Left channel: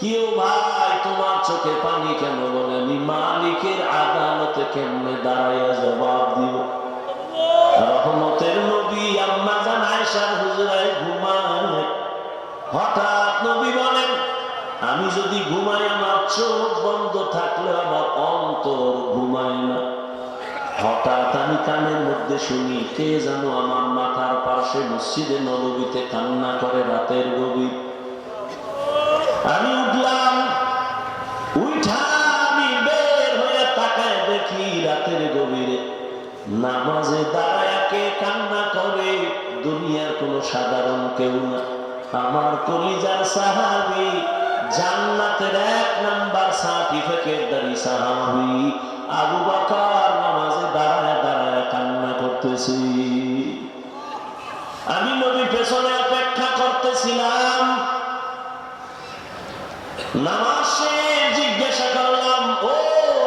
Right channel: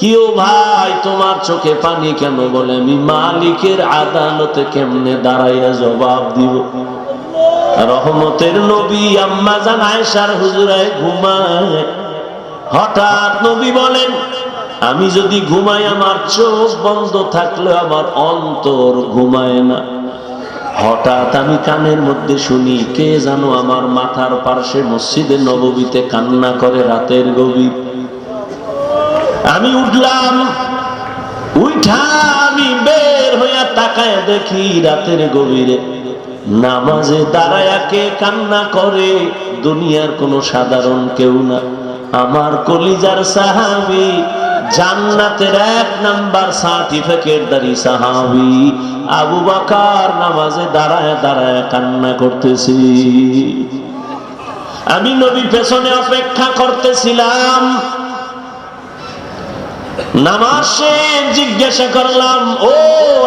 কিও ভাই তোমার চোখে পানি কেন? বলে আমি মালিকের আদালতে কেমনে দাঁড়াইয়া জবাব দিব। রহমতের নবী আম্মা জান আয়েশার হুজুরায় ঘুমায়। হঠাৎ নবী বলেন, আমি যদি ঘুমাই আমার চোখ বন্ধ থাকলে আমার অন্তর ঘুমায় না। হঠাৎ আমি কানের মধ্যে শুনি কে জানো আমার মাথার পার্শ্বে মসজিদে নববীতে কান্না করে রাতের গভীর। আমি উঠলাম, উঠা আমি বের হইয়া তাকায় দেখি রাতের গভীরে নামাজে দাঁড়ায়া কে কান্না করে। দুনিয়ার কোন সাধারণ কেউ না, আমার কলিজার সাহাবী, জান্নাতের 1 নাম্বার সার্টিফিকেটধারী সাহাবী আবু বকর নামাজে দাঁড়ায়া দাঁড়ায়া কান্না করতেছি। আমি নবী পেছনে অপেক্ষা করতেছিলাম। নামাজ শেষ, জিজ্ঞাসা করলাম, ও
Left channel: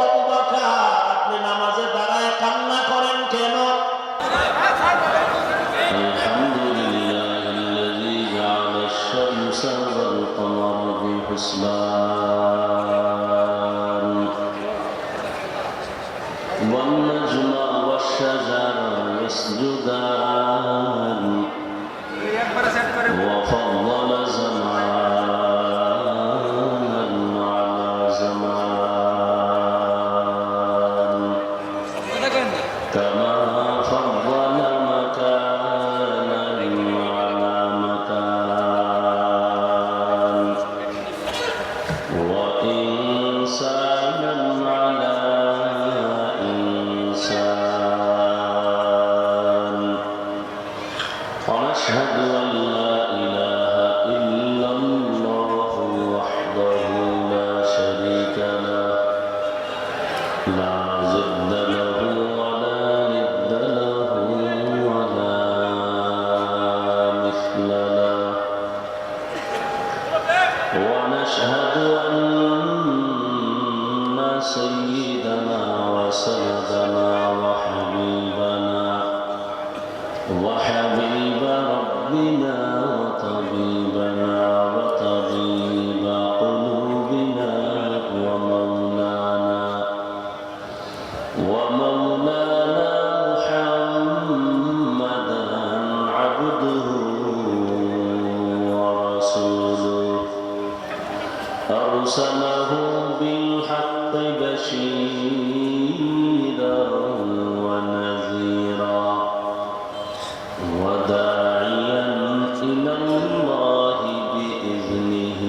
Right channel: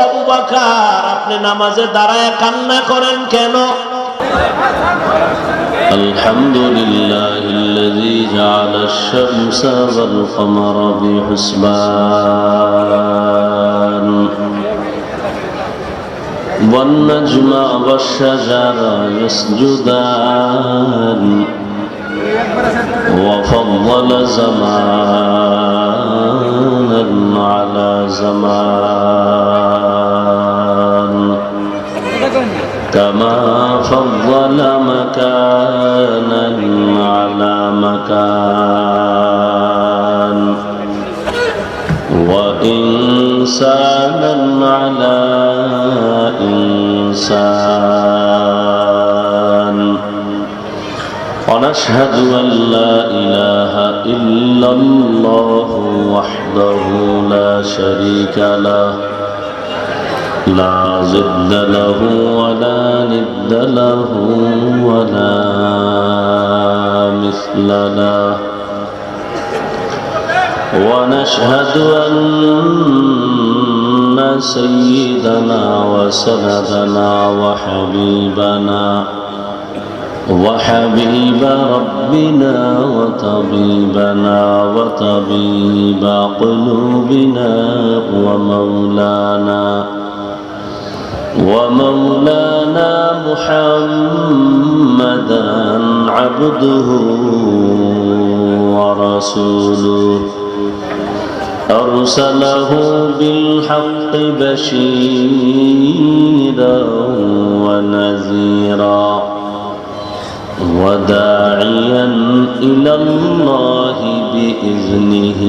আবু বকর আপনি নামাজে দাঁড়ায় কান্না করেন কেন? আলহামদুলিল্লাহিল্লাযী জাআলাশ শামসা ওয়াল কমারা বিহুসবান ওয়ান নাজমা ওয়াশ শাজারা ইয়াসজুদান ওয়া ফাদ্দালা জামানান আলা জামান কামা ফাদ্দালা মাকানান আলা মাকান ওয়া ইনসানান আলা ইনসান। ونشهد أن لا إله إلا الله وحده لا شريك له لا ضد له ولا ند له ولا مثل له ونشهد أن سيدنا وسندنا وحبيب ربنا وطبيبنا وطبيب قلوبنا ومولانا محمدا عبده ورسوله أرسله بالحق بشيرا ونذيرا وداعيا إلى الله بإذنه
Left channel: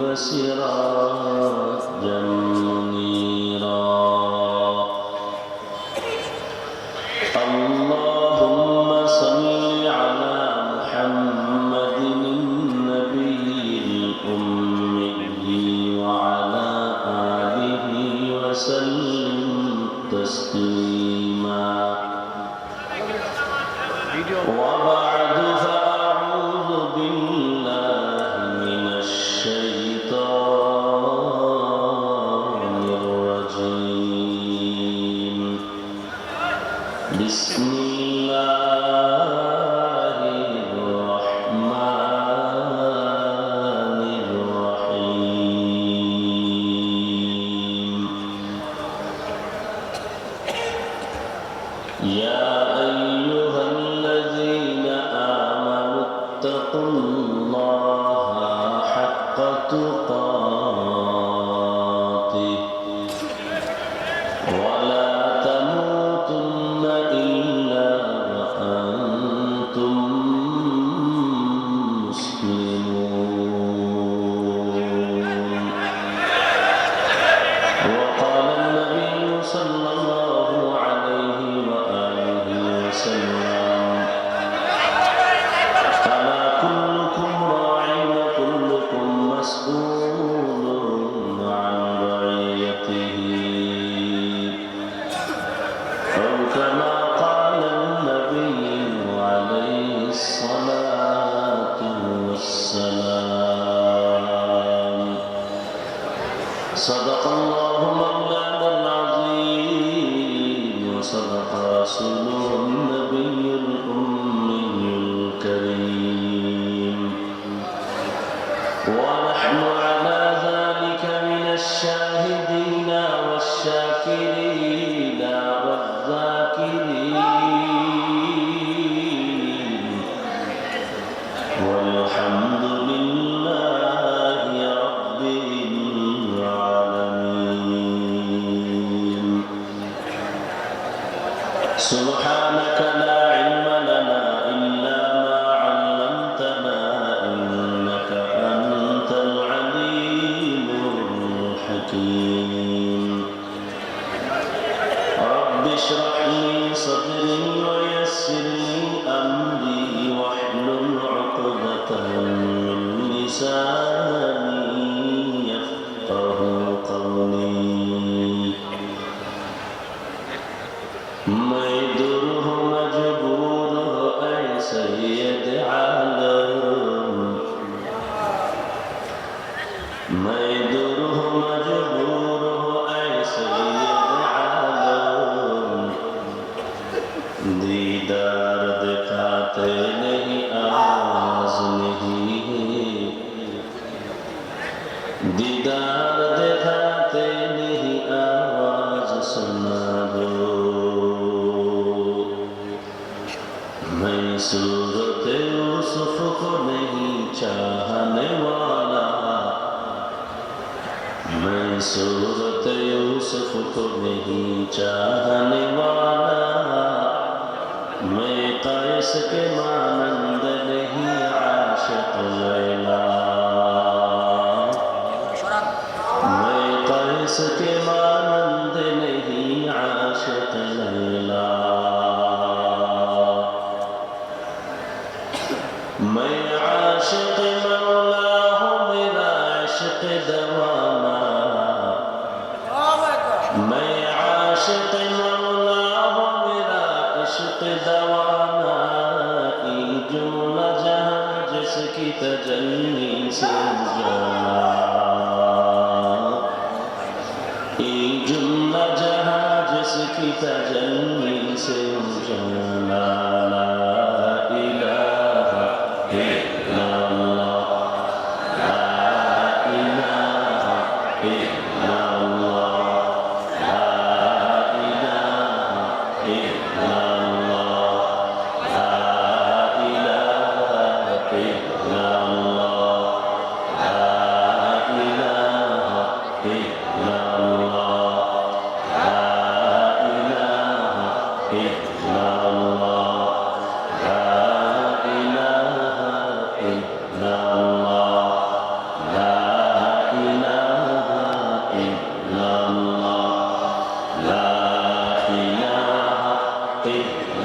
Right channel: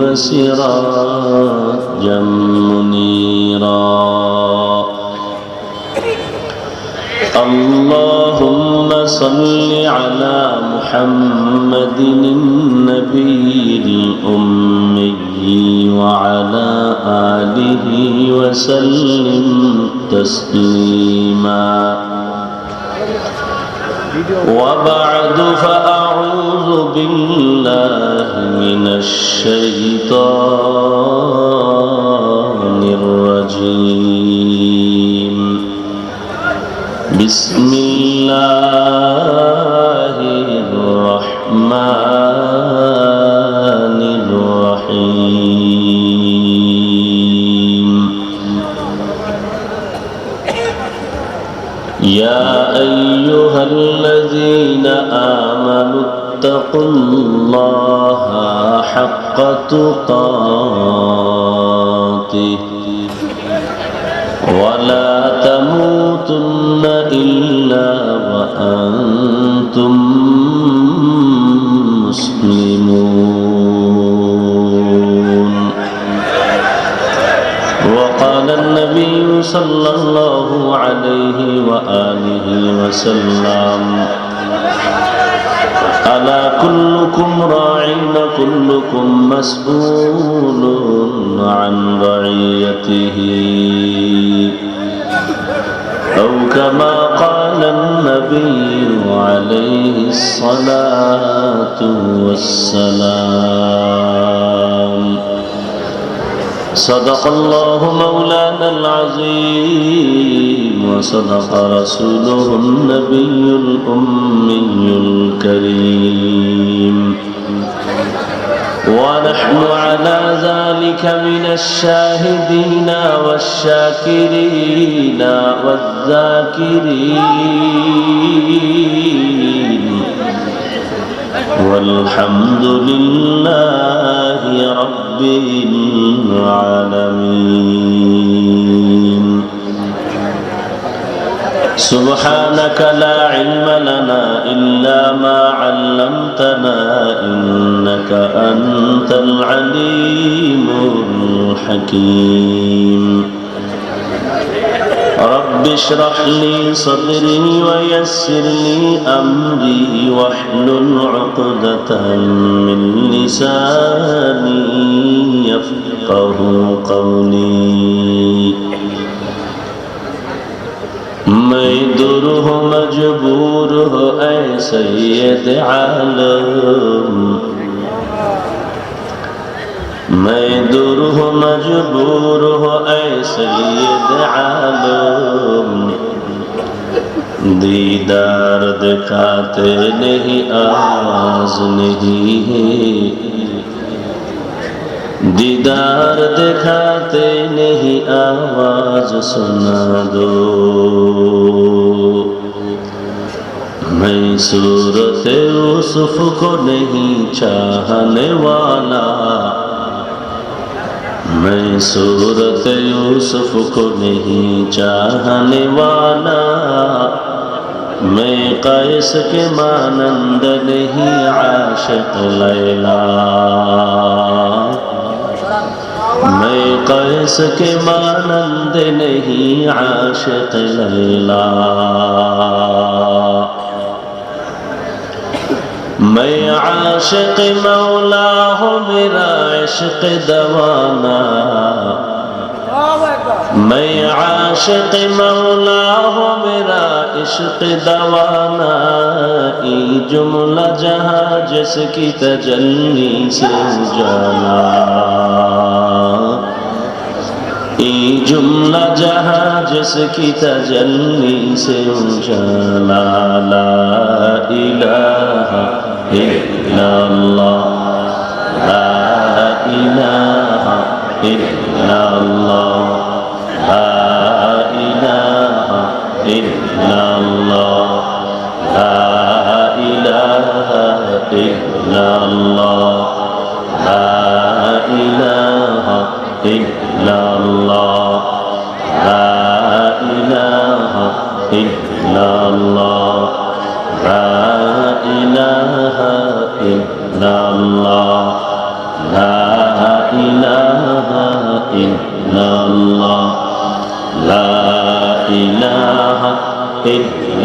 وسراجا منيرا. اللهم صل على محمد النبي الأمي وعلى آله وسلم تسليما. وبعد فأعوذ بالله من الشيطان الرجيم. بسم الله الرحمن الرحيم. يا أيها الذين آمنوا اتقوا الله حق تقاته ولا تموتن إلا وأنتم مسلمون. وقال النبي صلى الله عليه وآله وسلم ألا كلكم راع وكلكم مسؤول عن رعيته أو كما قال النبي عليه الصلاة والسلام. صدق الله مولانا العظيم وصدق رسوله النبي الأمي الكريم. ونحن على ذلك من الشاهدين والشاكرين والذاكرين والحمد لله رب العالمين. سبحانك لا علم لنا إلا ما علمتنا إنك أنت العليم الحكيم. رب اشرح لي صدري ويسر لي أمري واحلل عقدة من لساني يفقه قولي. میں در ہو مجبور ہو اے سید عالم، میں در ہو مجبور ہو اے سید عالم، دیدار دکھاتے نہیں آواز نہیں ہے، دیدار دکھاتے نہیں آواز سنا دو. میں صورت یوسف کو نہیں چاہنے والا، میں صورت یوسف کو نہیں چاہنے والا، میں قیس کے مانند نہیں عاشق لیلا، میں قیس کے مانند نہیں عاشق لیلا. میں عاشق مولا ہوں میرا عشق دوانا، میں عاشق مولا ہوں میرا عشق دوانا، یہ جملہ جہاں جس کی تجلی سے جانا، یہ جملہ جہاں جس کی تجلی سے جانا. لا الہ الا اللہ، لا الہ الا اللہ، لا الہ الا اللہ، لا الہ الا اللہ، لا الہ الا اللہ، لا الہ الا اللہ، لا الہ الا اللہ، لا الہ الا اللہ، لا الہ الا اللہ، لا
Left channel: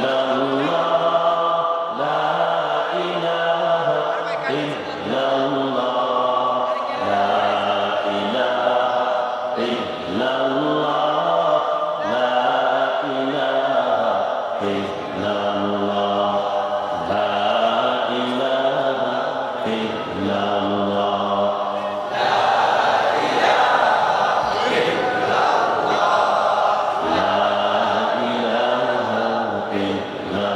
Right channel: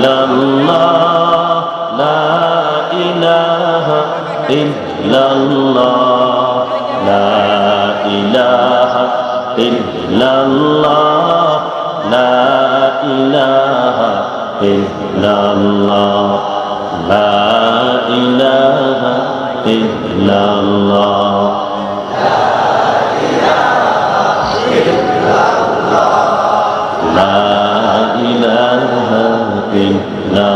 الہ الا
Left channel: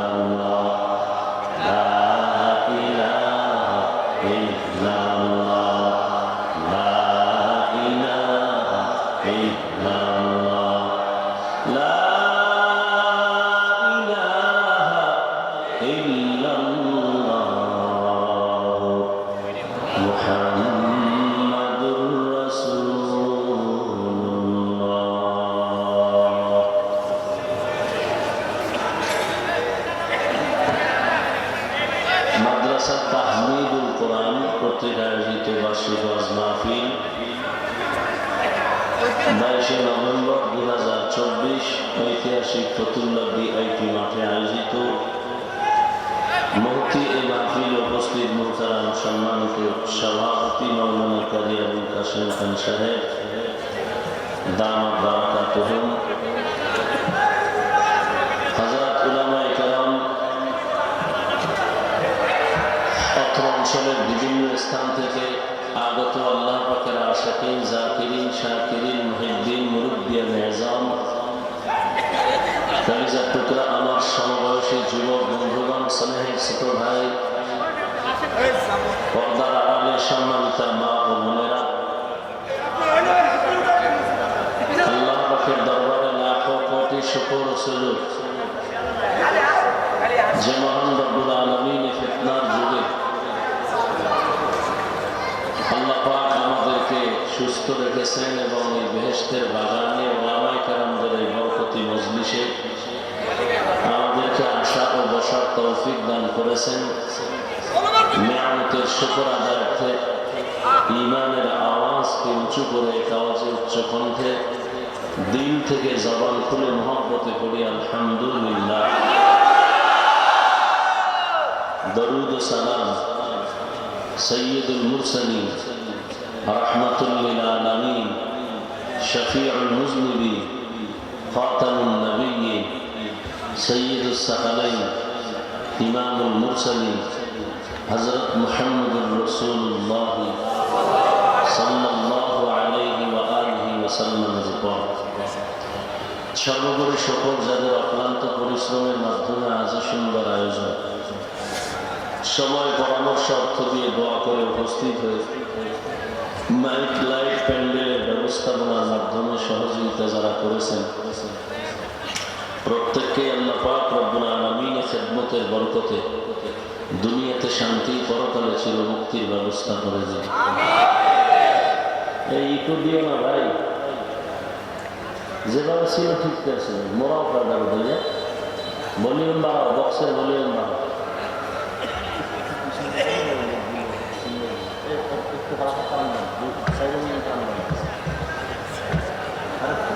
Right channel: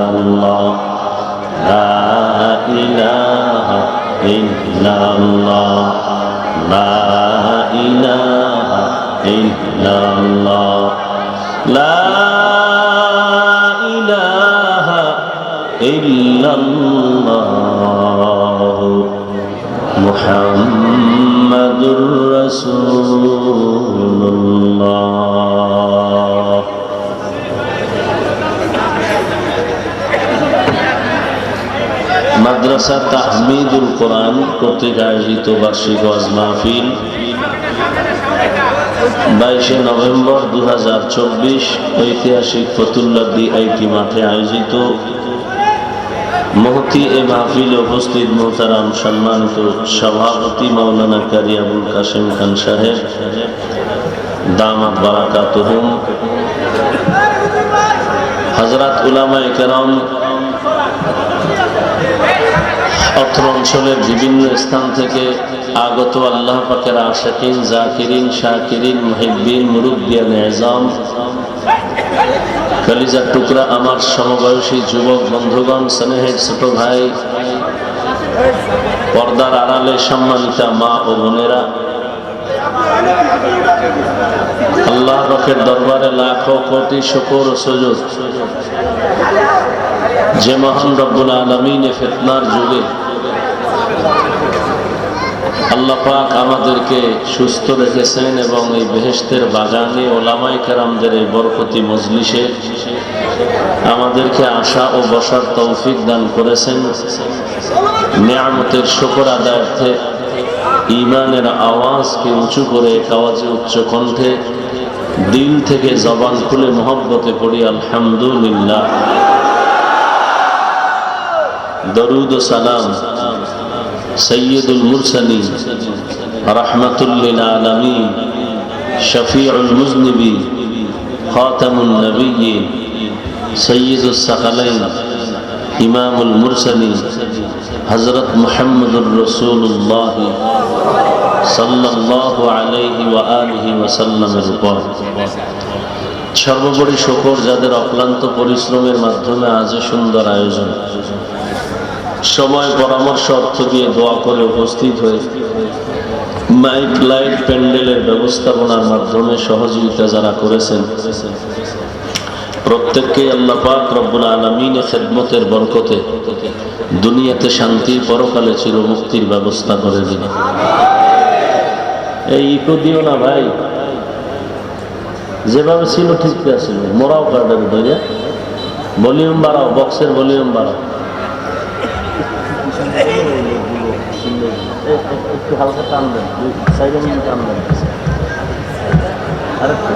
اللہ، لا الہ الا اللہ، لا الہ الا اللہ، لا الہ الا اللہ. মাদ্রাসা তাহমিদুল কোরআন কর্তৃক আয়োজিত বার্ষিক ওয়াজ মাহফিল 22শে নভেম্বর 2024 ঐতিহাসিক ফতুল্লাহ ডিআইটি মাঠে আয়োজিত মহতি এ মাহফিলে উপস্থিত মোহতারাম সম্মানিত সভাপতি মাওলানা কারি আবুল কাসেম খান সাহেব দামাত বারাকাতুহুম, হযরত উলামায়ে কেরাম, অত্র অঞ্চলের বিভিন্ন স্থান থেকে আগত আল্লাহ পাকের আশিকিন, জাকিরিন, শাকিরিন, মুহিব্বিন, মুরব্বিয়ান ইজাম, কলিজার টুকরা আমার সমবয়সী যুবক বন্ধুগণ, স্নেহের ছোট ভাই, পর্দার আড়ালে সম্মানিতা মা ও বোনেরা, আল্লাহ পাকের দরবারে লাখো কোটি শুকর ও সুজুদ যে মহান রব্বুল আলামিন ফিতনার যুগে আল্লাহ পাক আমাদেরকে সুস্থ রেখেছেন এবং এই বেহেশতের বাগানে ওলামায়ে কেরামদের এই বরকতি মজলিসে আমাদেরকে আসা ও বসার তৌফিক দান করেছেন। নিয়ামতের শুকর আদায়ার্থে ঈমানের আওয়াজকে উঁচু করে, আওয়াজে উচ্চ কণ্ঠে দিল থেকে জবান খুলে মহব্বতে পড়ি আলহামদুলিল্লাহ। দরুদ ও সালাম সৈয়দুল মুরসালিন, রাহমাতুল লিল আলামিন, শফিউল মুজনিবিন, খাতামুন নবিয়্যিন, সৈয়দুস সাকালাইন, ইমামুল মুরসালিন হযরত মুহাম্মদুর রাসূলুল্লাহ সাল্লাল্লাহু আলাইহি ওয়া আলিহি ওয়া সাল্লামের উপর সর্বোপরি শুকর যাদের অক্লান্ত পরিশ্রমের মাধ্যমে আজ সুন্দর আয়োজন, সময় পরামর্শ অর্থ দিয়ে দোয়া করে উপস্থিত হয়ে মাইক লাইট প্যান্ডেলের ব্যবস্থাপনার মাধ্যমে সহযোগিতা যারা করেছেন প্রত্যেককে আল্লাহ পাক রব্বুল আলামিনের খেদমতের বরকতে দুনিয়াতে শান্তি, পরকালে চিরমুক্তির ব্যবস্থা করে দিন। এই ইকো দিও না ভাই, যেভাবে ছিল ঠিক আছে, মোরাও কার্ডের উপরে ভলিউম বাড়াও, বক্সের ভলিউম বাড়াও, একটু হালকা টান দেন, সাইডে টান দেন, আরেকটু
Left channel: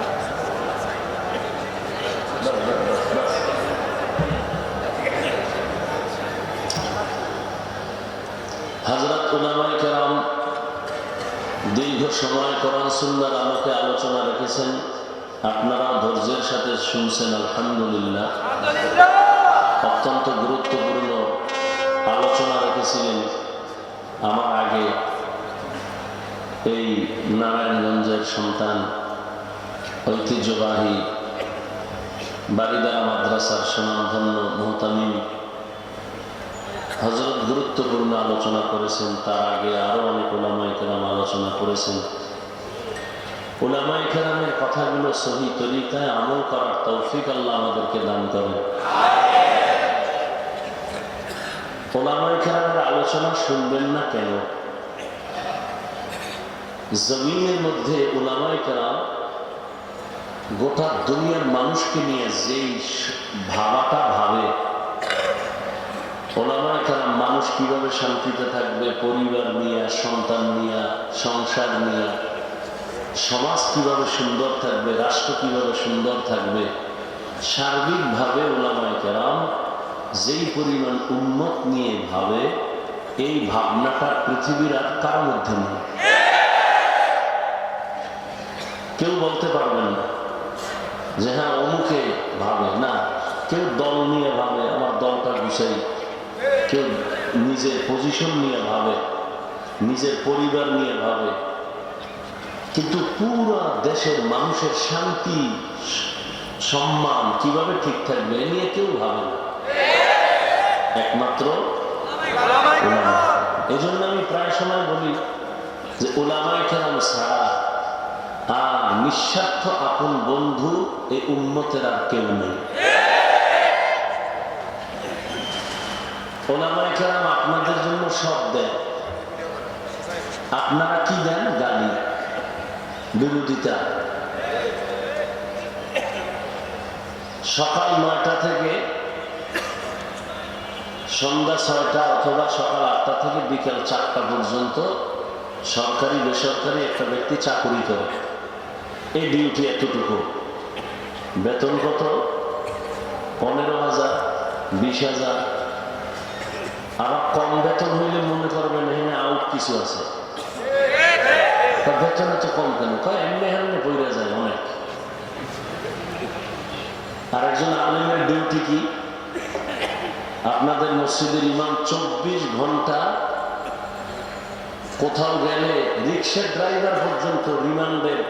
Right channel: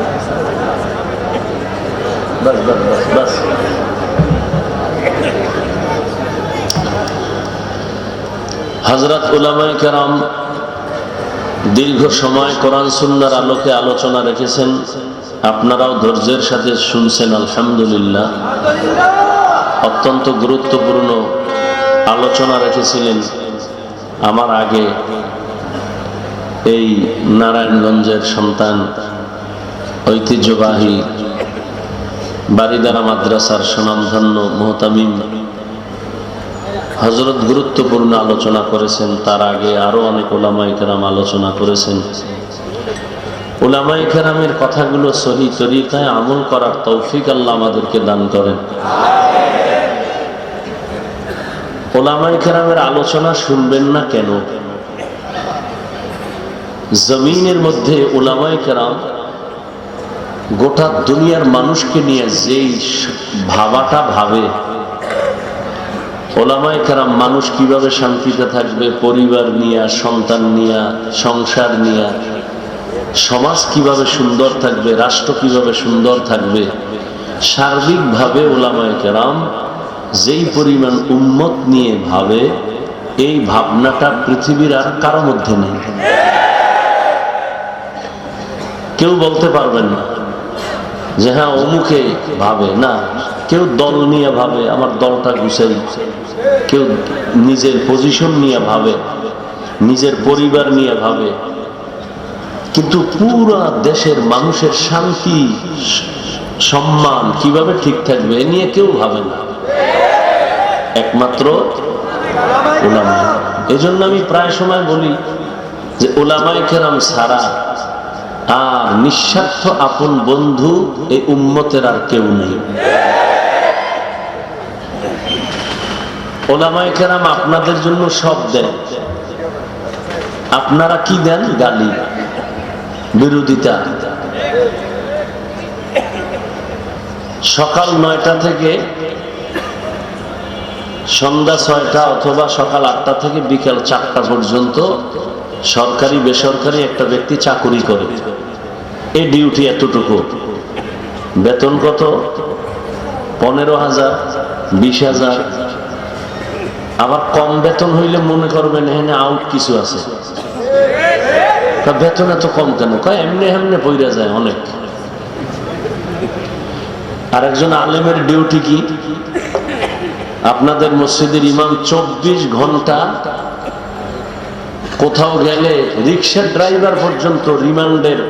বাস বাস বাস বাস। হযরত উলামায়ে কেরাম দীর্ঘ সময় কোরআন সুন্নাহর আলোকে আলোচনা রেখেছেন, আপনারাও ধৈর্যের সাথে শুনছেন আলহামদুলিল্লাহ। অত্যন্ত গুরুত্বপূর্ণ আলোচনা রেখেছিলেন আমার আগে এই নারায়ণগঞ্জের সন্তান, ঐতিহ্যবাহী বারিদারা মাদ্রাসার সুনামধন্য মুহতামিম হযরত গুরুত্বপূর্ণ আলোচনা করেছেন। তার আগে আরো অনেক উলামায়ে কেরাম আলোচনা করেছেন। উলামায়ে কেরামের কথাগুলো সহি তরিকায় আমল করার তৌফিক আল্লাহ আমাদেরকে দান করেন। উলামায়ে কেরামের আলোচনা শুনবেন না কেন? জমিনের মধ্যে উলামায়ে কেরাম গোটা দুনিয়ার মানুষকে নিয়ে যেই ভাবাটা ভাবে, উলামায়ে কেরাম মানুষ কিভাবে শান্তিতে থাকবে, পরিবার নিয়ে, সন্তান নিয়ে, সংসার নিয়ে, সমাজ কিভাবে সুন্দর থাকবে, রাষ্ট্র কিভাবে সুন্দর থাকবে, সার্বিকভাবে উলামায়ে কেরাম যেই পরিমাণ উম্মত নিয়ে ভাবে, এই ভাবনাটা পৃথিবীর আর কারো মধ্যে নেই। কেউ বলতে পারবেন না যে হ্যাঁ অমুকে ভাবে, না। কেউ দল নিয়ে ভাবে, আমার দলটা গুছাই, কেউ নিজের পজিশন নিয়ে ভাবে, নিজের পরিবার নিয়ে ভাবে, কিন্তু পুরো দেশের মানুষের শান্তি সম্মান কিভাবে ঠিক থাকবে এ নিয়ে কেউ ভাবে না, একমাত্র উলামা। এজন্য আমি প্রায় সময় বলি যে উলামায়ে কেরাম ছাড়া আর নিঃস্বার্থ আপন বন্ধু এই উম্মতের আর কেউ নেই। উলামায়ে কেরাম আপনাদের জন্য সব দেন, আপনারা কি দেন? গালি, বিরোধিতা। সকাল 9টা থেকে সন্ধ্যা 6টা অথবা সকাল 8টা থেকে বিকেল 4টা পর্যন্ত সরকারি বেসরকারি একটা ব্যক্তি চাকুরি করে। এই ডিউটি এতটুকু, বেতন কত? 15,000, 20,000। আবার কম বেতন হইলে মনে করবেন এখানে আউট কিছু আছে। বেতন এত কম কেন? কয় এমনি এমনি পইরা যায় অনেক। আর একজন আলেমের ডিউটি কি? আপনাদের মসজিদের ইমাম 24 ঘন্টা কোথাও গেলে রিক্সার ড্রাইভার পর্যন্ত রিমান্ডের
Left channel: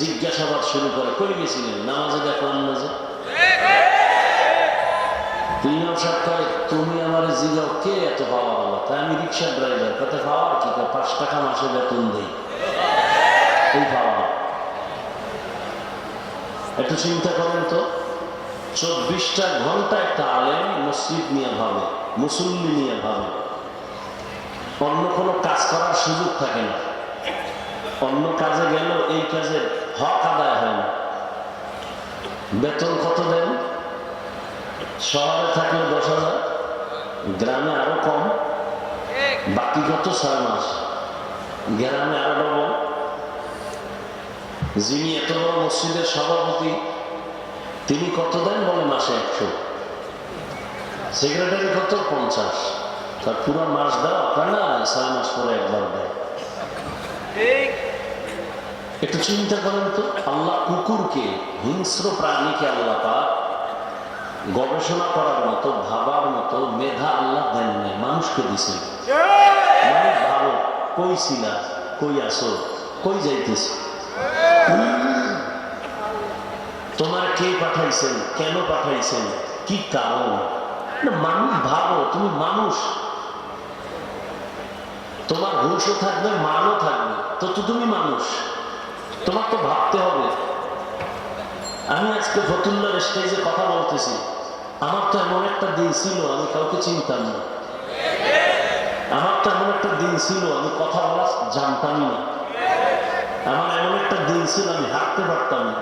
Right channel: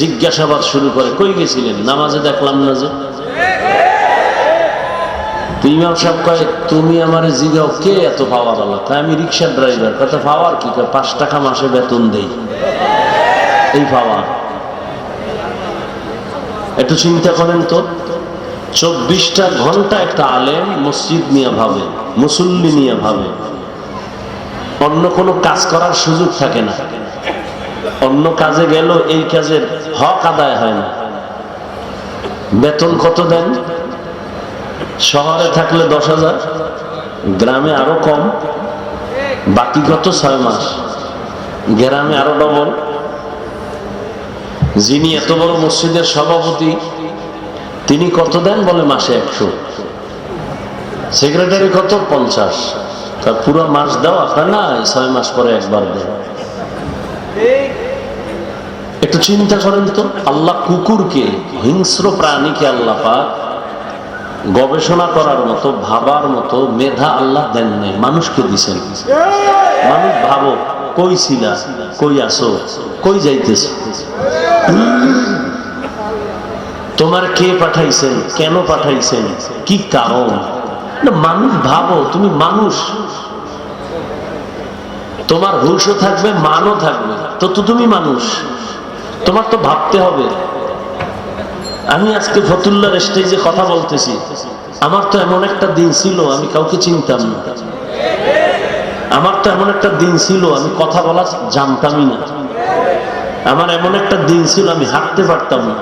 জিজ্ঞাসাবাদ শুরু করে, কই গেছিলেন? নামাজে দেখলাম না যে। ইমাম সাহেব কয় তুমি আমার জিগাও কে এত পাওয়ার আল্লাহ? তাই আমি রিক্সার ড্রাইভার। কত পাওয়ার কি? 5 টাকা মাসে বেতন দেই। এই পাওয়ার। একটু চিন্তা করেন তো, 24টা ঘন্টা একটা আলেম মসজিদ নিয়ে ভাবে, মুসল্লি নিয়ে ভাবে, অন্য কোনো কাজ করার সুযোগ থাকে না। অন্য কাজে গেল এই কাজের হক আদায় হয় না। বেতন কত দেন? শহরে থাকলে 10,000, গ্রামে আরো কম। বাকি কত? 6 মাস। গ্রামে আরো ডবল। যিনি এত বড় মসজিদের সভাপতি তিনি কত দেন? বলে মাসে 100। সেক্রেটারি কত? 50। তা পুরো মাস দাও আপনার না, 6 মাস পরে একবার দেন। একটু চিন্তা করেন তো, আল্লাহ কুকুরকে, হিংস্র প্রাণীকে আল্লাহ পাক গবেষণা করার মতো, ভাবার মতো মেধা আল্লাহ দেন নাই, মানুষকে দিছেন। মানুষ ভাবো, কই ছিলা, কই আসো, কই যাইতেছ, তোমার কে পাঠাইছেন, কেন পাঠাইছেন, কি কারণ? মানুষ ভাবো, তুমি মানুষ, তোমার হুশও থাকবে, মানও থাকবে, তো তুমি মানুষ, তোমার তো ভাবতে হবে। আমি আজকে ফতুল্লার স্টেজে কথা বলতেছি, আমার তো এমন একটা দিন ছিল আমি কাউকে চিনতাম না। আমার তো এমন একটা দিন ছিল আমি কথা বলা জানতামই না। আমার এমন একটা দিন ছিল আমি হাঁটতে পারতাম না।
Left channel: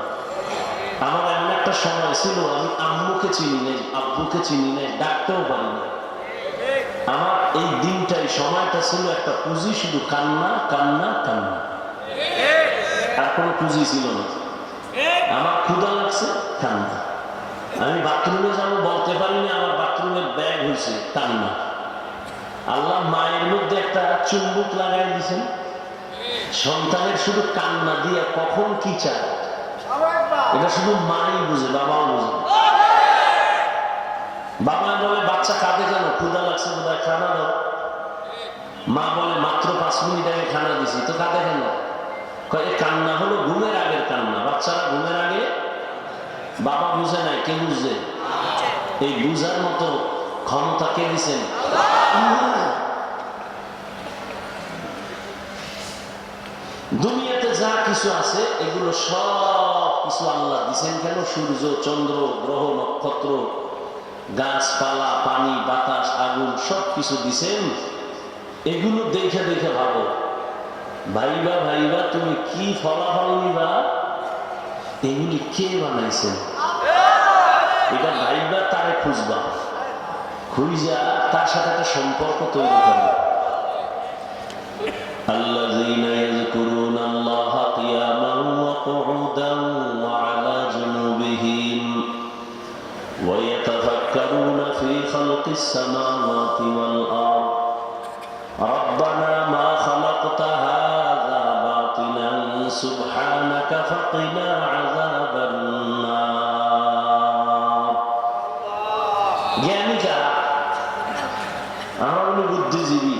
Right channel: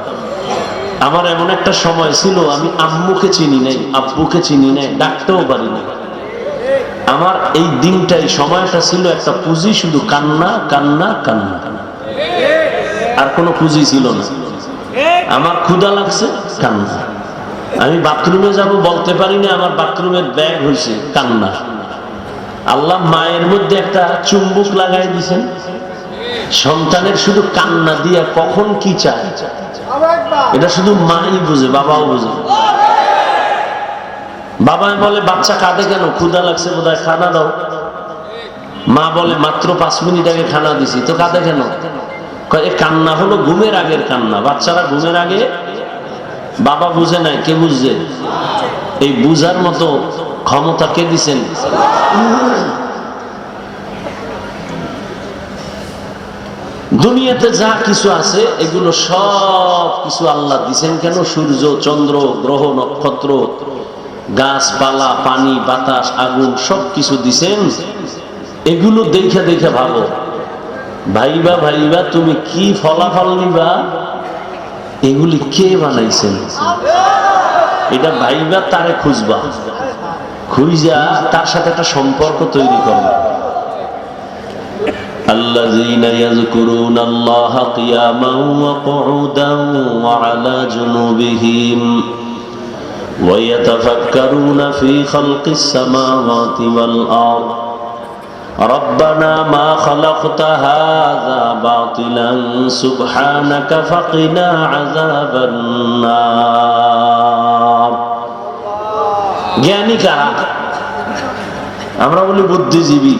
আমার এমন একটা সময় ছিল আমি আম্মুকে চিনি নাই, আব্বুকে চিনি নাই, ডাকতেও পারি না। আমার এই দিনটাই, সময়টা ছিল একটা পুঁজি, শুধু কান্না কান্না কান্না, আর কোনো পুঁজি ছিল না। আমার ক্ষুধা লাগছে, কান্না। আমি বাথরুমে যাব বলতে পারি না, আমার বাথরুমের ব্যাগ হয়েছে, কান্না। আল্লাহ মায়ের মধ্যে একটা চুম্বক লাগাই দিয়েছেন, সন্তানের শুধু কান্না দিয়া কখন কি চায় এটা শুধু মাই বুঝে, বাবাও বুঝে। বাবা বলে বাচ্চা কাঁদে কেন? ক্ষুধা লাগছে বোধহয়, খানা দাও। মা বলে মাত্র 5 মিনিট আগে খানা দিছি, তো কাঁদে কেন? এ কান্না হলো ঘুমের আগের কান্না। বাচ্চারা ঘুমের আগে, বাবা বুঝে নাই, কে বুঝছে? এই বুঝার মতো ক্ষমতা কে দিছেন? দুনিয়াতে যা কিছু আছে এগুলো সব কিছু আল্লাহ দিছেন কেন? সূর্য, চন্দ্র, গ্রহ, নক্ষত্র, গাছপালা, পানি, বাতাস, আগুন, সব কিছু দিছেন। এগুলো দেখে দেখে ভাবো, ভাইবা ভাইবা তুমি কি ফলাফল নিবা, এগুলি কে বানাইছেন? এটা ভাইবা, তারে খুঁজবা, খুঁজা তার সাথে একটা সম্পর্ক তৈরি করবা। আল্লাযীনা ইয়াযকুরুনাল্লাহা কিয়ামান ওয়া কুউদান ওয়া আলা জুনুবিহিম ওয়া ইয়াতাফাক্কারুনা ফী খালকিস সামাওয়াতি ওয়াল আরদ ربنا ما خلقت هذا باطلا سبحانك فقنا عذاب النار। জ্ঞানী কারা? আমরা বলি বুদ্ধিজীবী।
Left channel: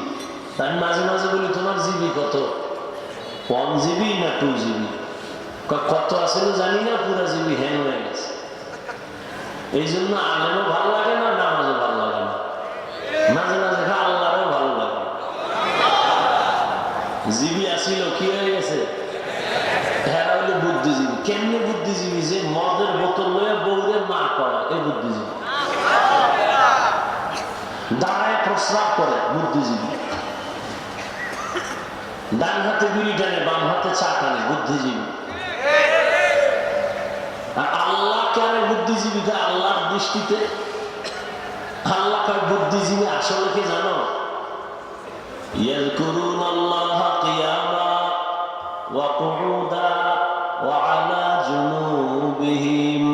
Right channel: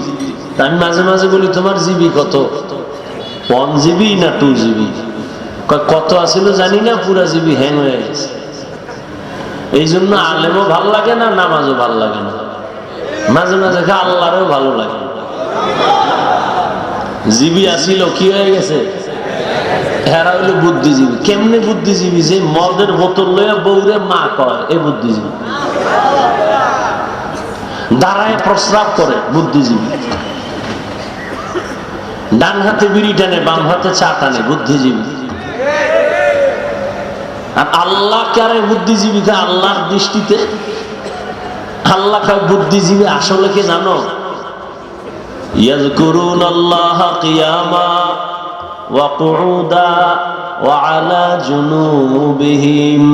আমি মাঝে মাঝে বলি তোমার জিবি কত? 1 জিবি না 2 জিবি? কত আছিল জানি না, পুরা জিবি হ্যাং হয়ে গেছে। এই জন্য আলেমও ভাল লাগে না, নামাজও ভাল লাগে না। মাঝে মাঝে আল্লাহরও ভালো লাগে। জিবি আসিল, কি হয়ে গেছে? এরা হইলো বুদ্ধিজীবী। কেমনে বুদ্ধিজীবী? যে মদের বোতল লইয়া বউরে মা কয়, এ বুদ্ধিজীবী। দাঁড়ায় প্রস্রাব করে, বুদ্ধিজীবী। ডান হাতে বিড়ি টানে, বাম হাতে চা টানে, বুদ্ধিজীবী। আর আল্লাহ কারে বুদ্ধিজীবী? আল্লাহর দৃষ্টিতে আল্লাহ কার বুদ্ধিজীবী আসলে কি জানো? ইয়াযকুরুনাল্লাহা কিয়ামা ওয়া কুউদা وعلى جنوبهم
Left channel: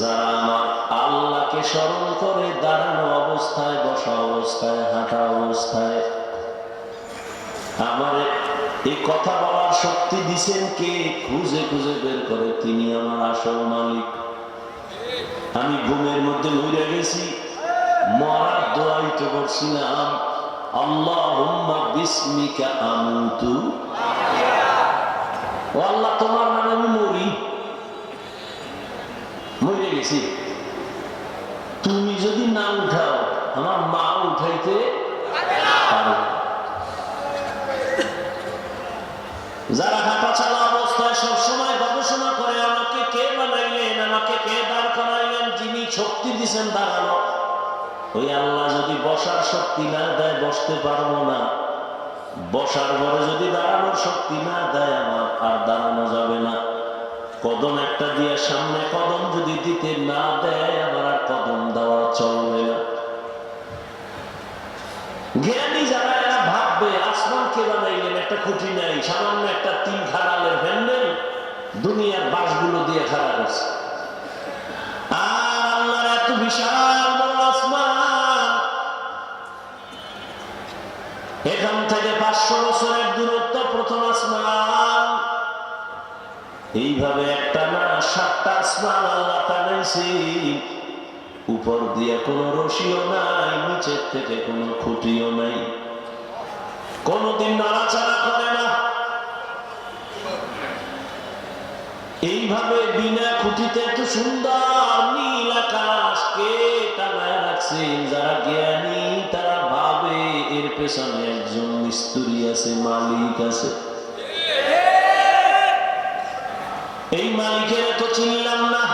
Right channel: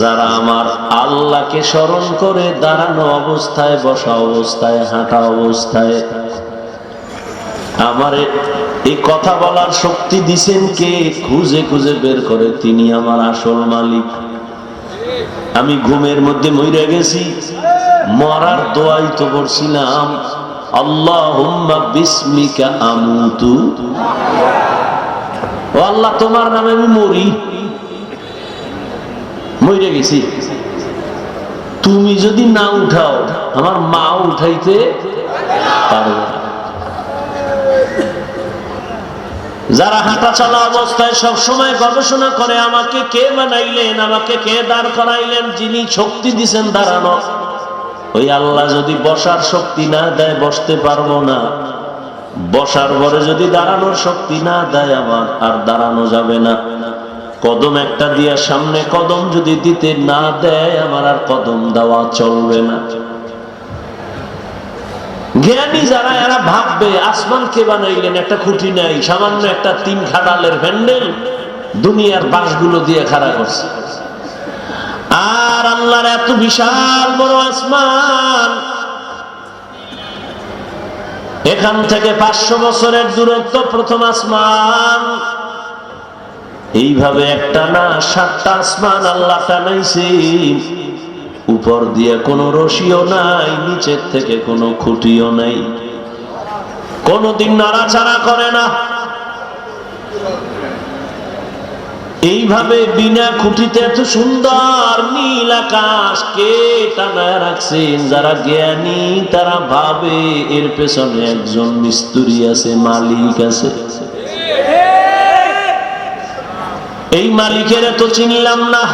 যারা আমার আল্লাহকে স্মরণ করে দাঁড়ানো অবস্থায়, বসা অবস্থায়, হাঁটা অবস্থায়। আমার এই কথা বলার শক্তি দিছেন কে? খুঁজে খুঁজে বের করে তিনি আমার আসল মালিক। আমি ঘুমের মধ্যে মইরা গেছি, মরার দোয়াই তো করছিলাম, আল্লাহুম্মা বিসমিকা আমুতু, ও আল্লাহ তোমার নামে আমি মরি, মরে গেছি। তুমি যদি না উঠাও আমার মা উঠাইতে পারো। যারা হাঁটা চলা অবস্থায় সব সময় গবেষণা করে আমাকে কে বানাইলেন, আমাকে কে দাঁড় করাইলেন, যিনি শক্তি দিছেন দাঁড়ানো, ওই আল্লাহ যদি বসার শক্তি না দেয় বসতে পারবো না, বসার পরে যদি দাঁড়ানোর শক্তি না দেয় আমার আর দাঁড়ানো যাবে না। কদম একটা দিয়া সামনে কদম যদি দিতে না দেয় আমার আর কদম দেওয়া চলবে না। জ্ঞানী যারা এরা ভাববে আসমান কে বানাইলেন, একটা খুঁটি নাই, সামান্য একটা 3 খাডালের হ্যান্ডেল দুনিয়ার বাঁশগুলো দিয়ে খাড়া করছে। আর আল্লাহর এত বিশাল বড় আসমান, এখান থেকে 500 বছরের দূরত্ব প্রথম আসমান। এইভাবে একটা না 7টা আসমান আল্লাহ টানাইছে। উপর দিয়ে কোনো রশিও নাই, নিচের থেকে কোনো খুঁটিও নাই, কোনোদিন নাড়াচাড়া করে না। এইভাবে বিনা খুঁটিতে এত সুন্দর নীল আকাশ কে টানায় রাখছেন? যারা জ্ঞানী তারা ভাবে এর পেছনে একজন মিস্ত্রি আছে, মালিক আছে। এই মালিকের তো চিনলাম না।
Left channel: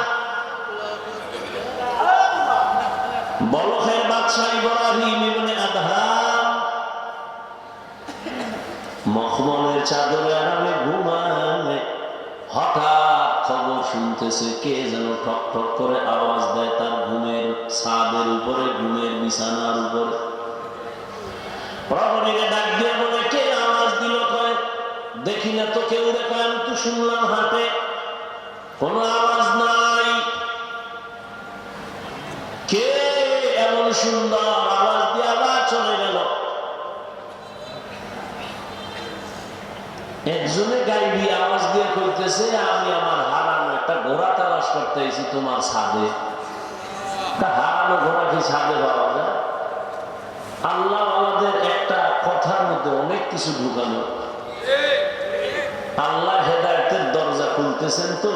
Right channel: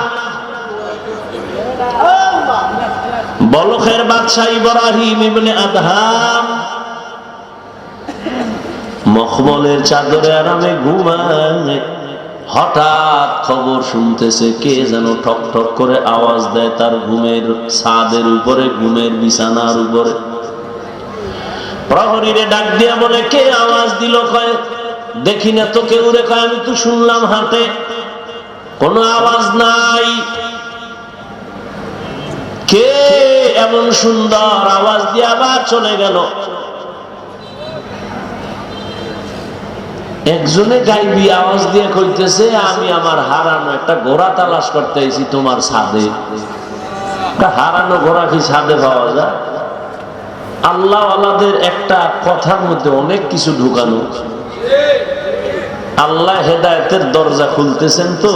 বলখের বাদশা ইব্রাহিম ইবনে আদহাম মখমলের চাদরে আরামে ঘুমায়, হঠাৎ খবর শুনতেছে কে যেন ঠক ঠক করে আওয়াজ দেয় তার ঘুমের ছাদের উপরে, ঘুমের বিছানার উপরে। প্রহরীরে ডাক দিয়া বলে কে আওয়াজ দিল? কয় দেখি না তো কেউ রে। কয় আমি তো শুনলাম হাটে, কোনো আওয়াজ নাই। কে এমন সুন্দর আওয়াজ দিয়ে আবার চলে গেল? একজনে গাইবি আওয়াজ দিয়ে কইতেছে আমি আমার হারানো একটা ঘোড়া তালাশ করতে এসেছি তোমার ছাদে। হারানো ঘোড়া কি ছাদে পাওয়া যায়? আল্লাহ আল্লাহদের একটা কথার মধ্যে অনেক কিছু ঢুকানো। আল্লাহ হেদায়েতের দরজা খুলতেছেন তো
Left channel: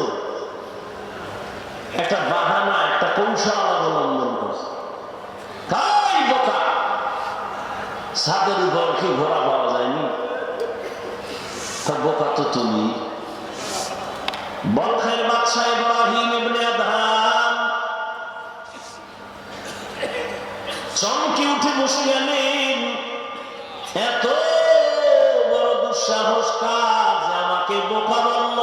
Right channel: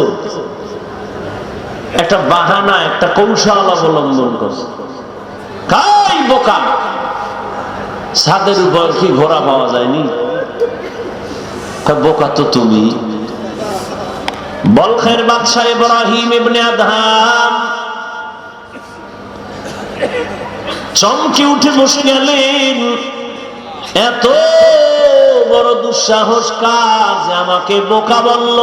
একটা বাহানা, একটা কৌশল অবলম্বন করছে। কাই বোকা, ছাদের উপর কি ঘোড়া পাওয়া যায়নি? বোকা তো তুমি। বলখের বাদশা ইব্রাহিম ইবনে আদহাম চমকে উঠে বসে গেলেন। এত বড় দুঃসাহস কার যে আমাকে বোকা বলল?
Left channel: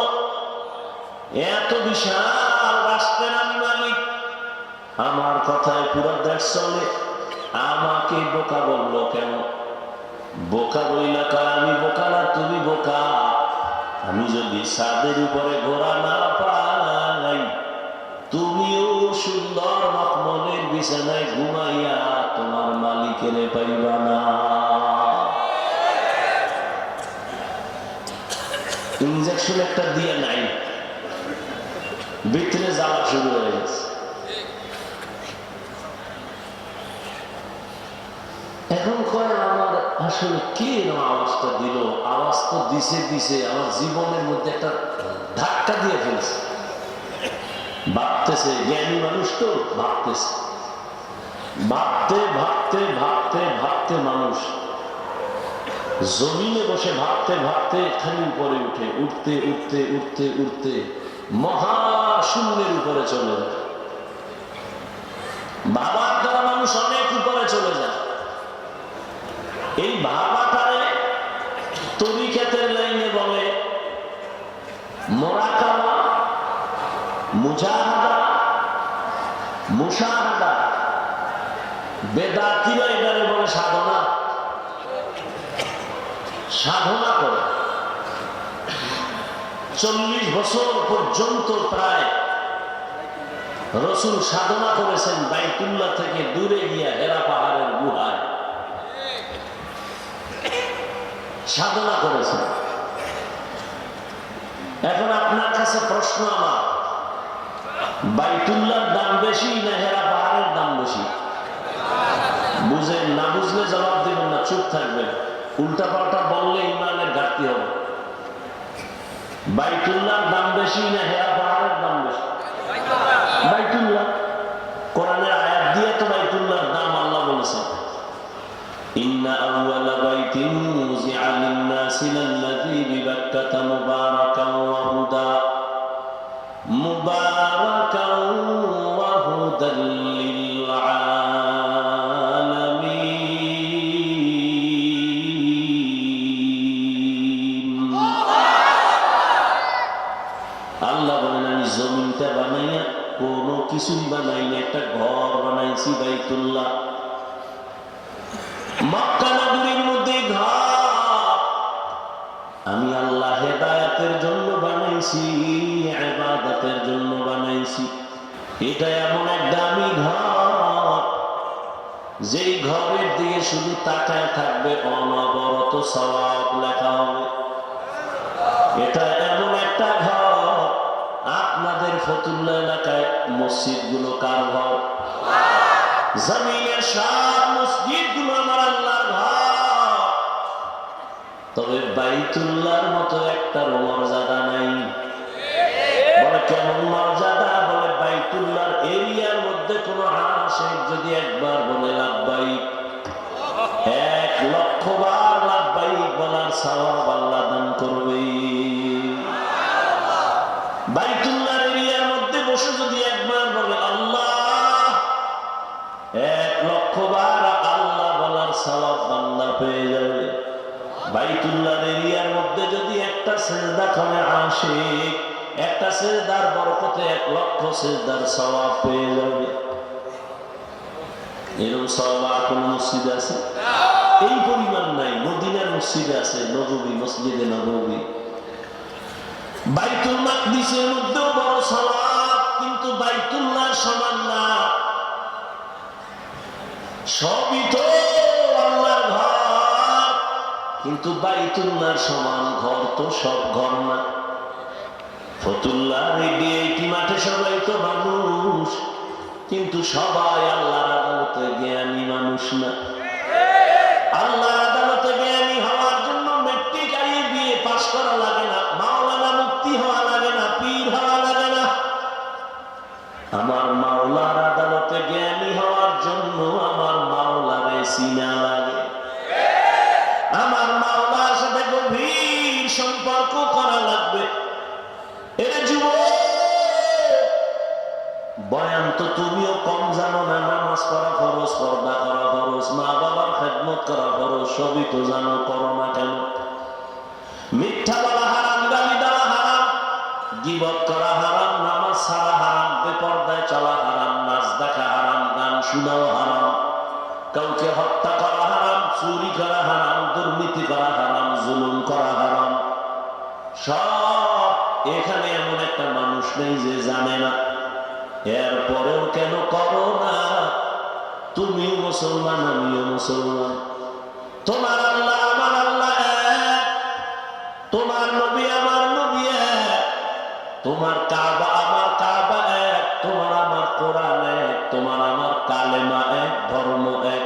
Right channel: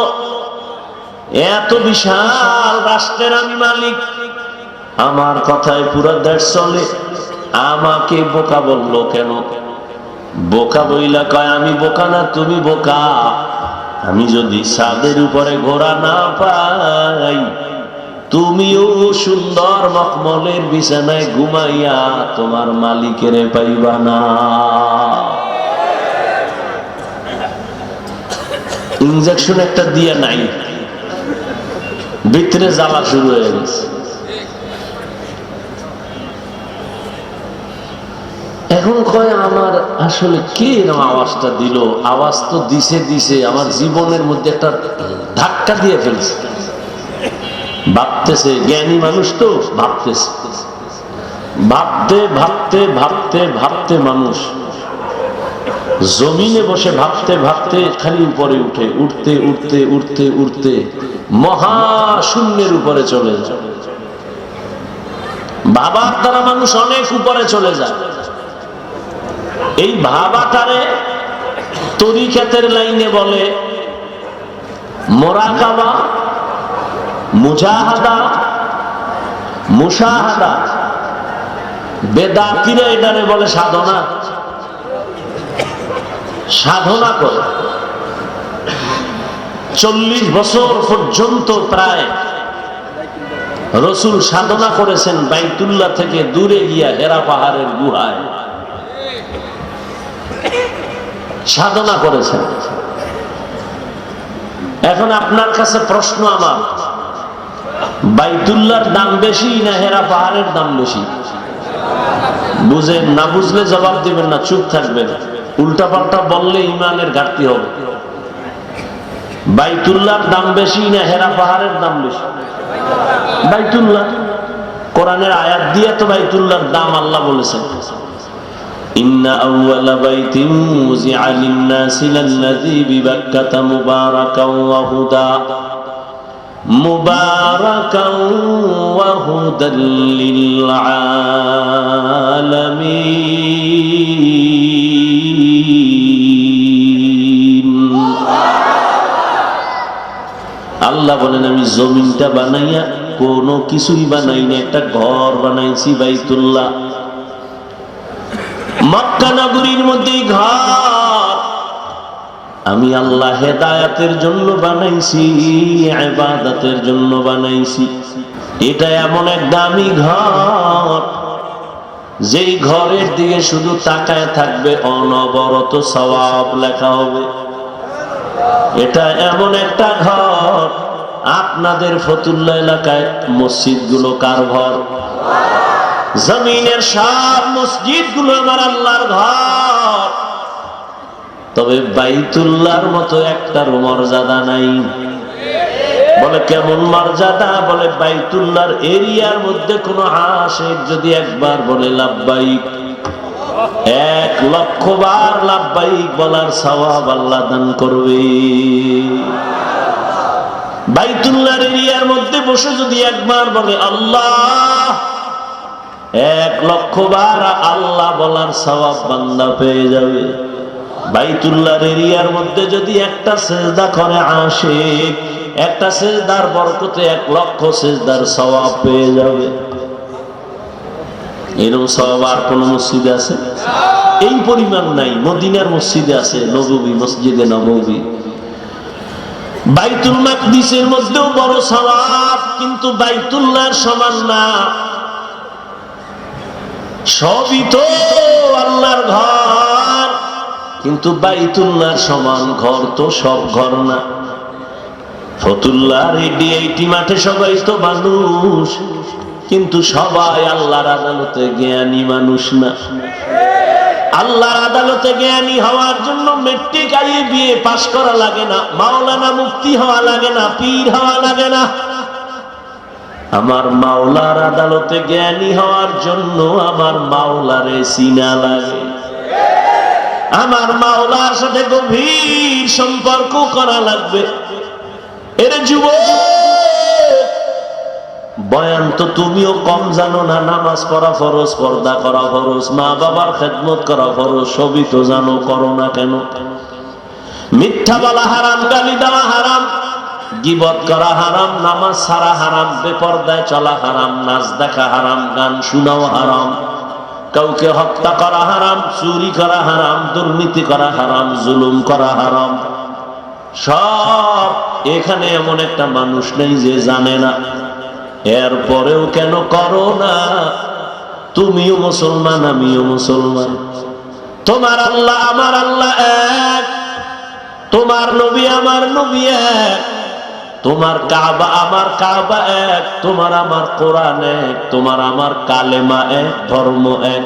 এত বিশাল রাষ্ট্রের আমি মালিক, আমার কথায় পুরো দেশ চলে, আমাকে বোকা বলল কেন? বোকা বইলা কয় আমি বোকা না, তুমি বোকা। আমি যদি ছাদের উপরে ঘোড়া না পাই, তুমিও সুন্দর মখমলের বিছানায় ঘুমাইয়া তোমার মালিকের পাইবা না। ইনজেকশন একটা দিয়ে নাই, ভিতরে জ্বালা শুরু হয়ে গেছে। এখন কয় আমার আসলে কে এরকম আওয়াজটা দিল? আওয়াজ তো দিছে আমার জীবনের মধ্যে একটা ধাক্কা দিয়ে ফেলছে। ভাবতেছে, জ্ঞানী মানুষ তো ভাবতেছে, ভাবতে ভাবতে ভাবতে ভাবতে মানুষ জমিনে বসে ভাবতে ভাবতে খালি উপরে উঠে, উঠতে উঠতে উঠতে উঠতে মহাশূন্যের উপরে চলে যায়। ভাবার দ্বারা মানুষ অনেক উপরে চলে যায়। এই ভাবাটারে তরিকাতের লাইনে বলে মোরাকাবা, মুজাহাদা, মুশাহাদা। বেদাতিরা এটারে বলে সাধনা। সাধনা করে 40 বছর পর্যন্ত প্রায় রাসূল সাধনা করেছেন বাইতুল্লাহ থেকে দূরে গিয়া হেরা পাহাড়ের গুহায় সাধনা করেছেন। এখন আপনার কাছে প্রশ্ন আমার, বাইতুল্লাহর দাম বেশি না হেরা পাহাড়ের দাম বেশি? বুঝেন না, বুঝলে জবাব দিবেন না, চুপ থাকবেন। উল্টা পাল্টা বললে ইমানের ঘাটতি হবে। বাইতুল্লাহর দাম বেশি না হেরা পাহাড়ের দাম বেশি? বাইতুল্লাহ। কোরআনের আয়াত দিয়ে তো বাইতুল্লাহর দাম আল্লাহ বলেছেন, ইন্না আউওয়ালা বাইতিন মুযিআ লিন-নাসি লাল্লাযী বিবাক্কাতা মুবারাকাও ওয়া হুদা মুবারাকাও ওয়া হুদাল লিল আলামিন। আল্লাহ বলেন, আমি জমিনটা বানাইয়া কোনো কিছুই বানাই না, একটা ঘর বানাইছি বাইতুল্লাহ। মক্কা নগরীর মধ্যে ঘর আমি আল্লাহ হেদায়েতের জন্য বানাইছি, ইবাদতের জন্য বানাইছি। এটা এমন এক দামি ঘর, যেই ঘরের দিকে শুধু তাকায় থাকবে অনবরত সওয়াব লেখা হবে। এটা এমন একটা ঘর, আপনাদের ফতুল্লাহ এলাকায় মসজিদ গুলো কার ঘর? জমিনের সব মসজিদ গুলো আমার আল্লাহর ঘর, তবে বাইতুল্লাহর মতো একটা মর্যাদা নাই। বলে কেমন মর্যাদা? বলে বাইতুল্লাহর এরিয়ার মধ্যে কোন আশিক যদি একবার বলে লাব্বাইক, 1,00,000 বার লাব্বাইক বলার সওয়াব আল্লাহ দান করবে। বাইতুল্লাহর এরিয়ার মধ্যে বসে যদি একবার বলে আল্লাহ, 1,00,000 বার আল্লাহ বলার সওয়াব বান্দা পেয়ে যাবে। বাইতুল্লাহর এরিয়ার মধ্যে যদি একটা সিজদা করে আশিক, একটা সিজদার বরকতে 1,00,000 সিজদার সওয়াব পেয়ে যাবে। এরকম সওয়াব আর কোন মসজিদে আছে? এই পরিমাণ নাই। মদিনার মসজিদে আছে, নববী, মসজিদে নববী। বাইতুল মাকদিসের মধ্যেও বড় সওয়াব, কিন্তু বাইতুল্লাহর সমান না। সবই তো আল্লাহর ঘর, কিন্তু বাইতুল্লাহর সমান ঘর তো সব ঘর না। ফতুল্লাহর এই মাঠে সবাই তো মানুষ, কিন্তু সবাই আল্লাহর আদালতে জ্ঞানী মানুষ না। আল্লাহর আদালতে জ্ঞানী হওয়ার জন্য মেট্রিক বিএ পাস করা লাগে না, মাওলানা মুফতি হওয়া লাগে না, পীর হওয়া লাগে না। আমার মাওলার আদালতে জ্ঞানী হওয়ার জন্য আমার মাওলারে চিনা লাগে, আমার মাওলার সাথে গভীর সম্পর্ক করা লাগবে। এর যুবক, বয়ান তো তুমিও কম জানো না। নামাজ পড়া ফরজ, পর্দা করা ফরজ, মা বাবার খেদমত করা ফরজ, সবই তো জানো, করো না কেন? মিথ্যা বলা হারাম, গালি দেওয়া হারাম, গীবত করা হারাম, নামাজ ছাড়া হারাম, বেপরদায় চলা হারাম, নাচ দেখা হারাম, গান শোনাও হারাম, কাউকে হত্যা করা হারাম, চুরি করা হারাম, দুর্নীতি করা হারাম, জুলুম করা হারাম। সব এখানে এমন একটা মানুষ নেই যে জানে না। এরপরেও কেন করো না? তুমিও মুসলমান, আমিও মুসলমান। তোমার আল্লাহ আমার আল্লাহ এক, তোমার নবী আমার নবী এক, তোমার কাবা আমার কাবা এক, তোমার আমার কোরআন এক, তোমার আমার কালেমা এক, ধর্ম এক।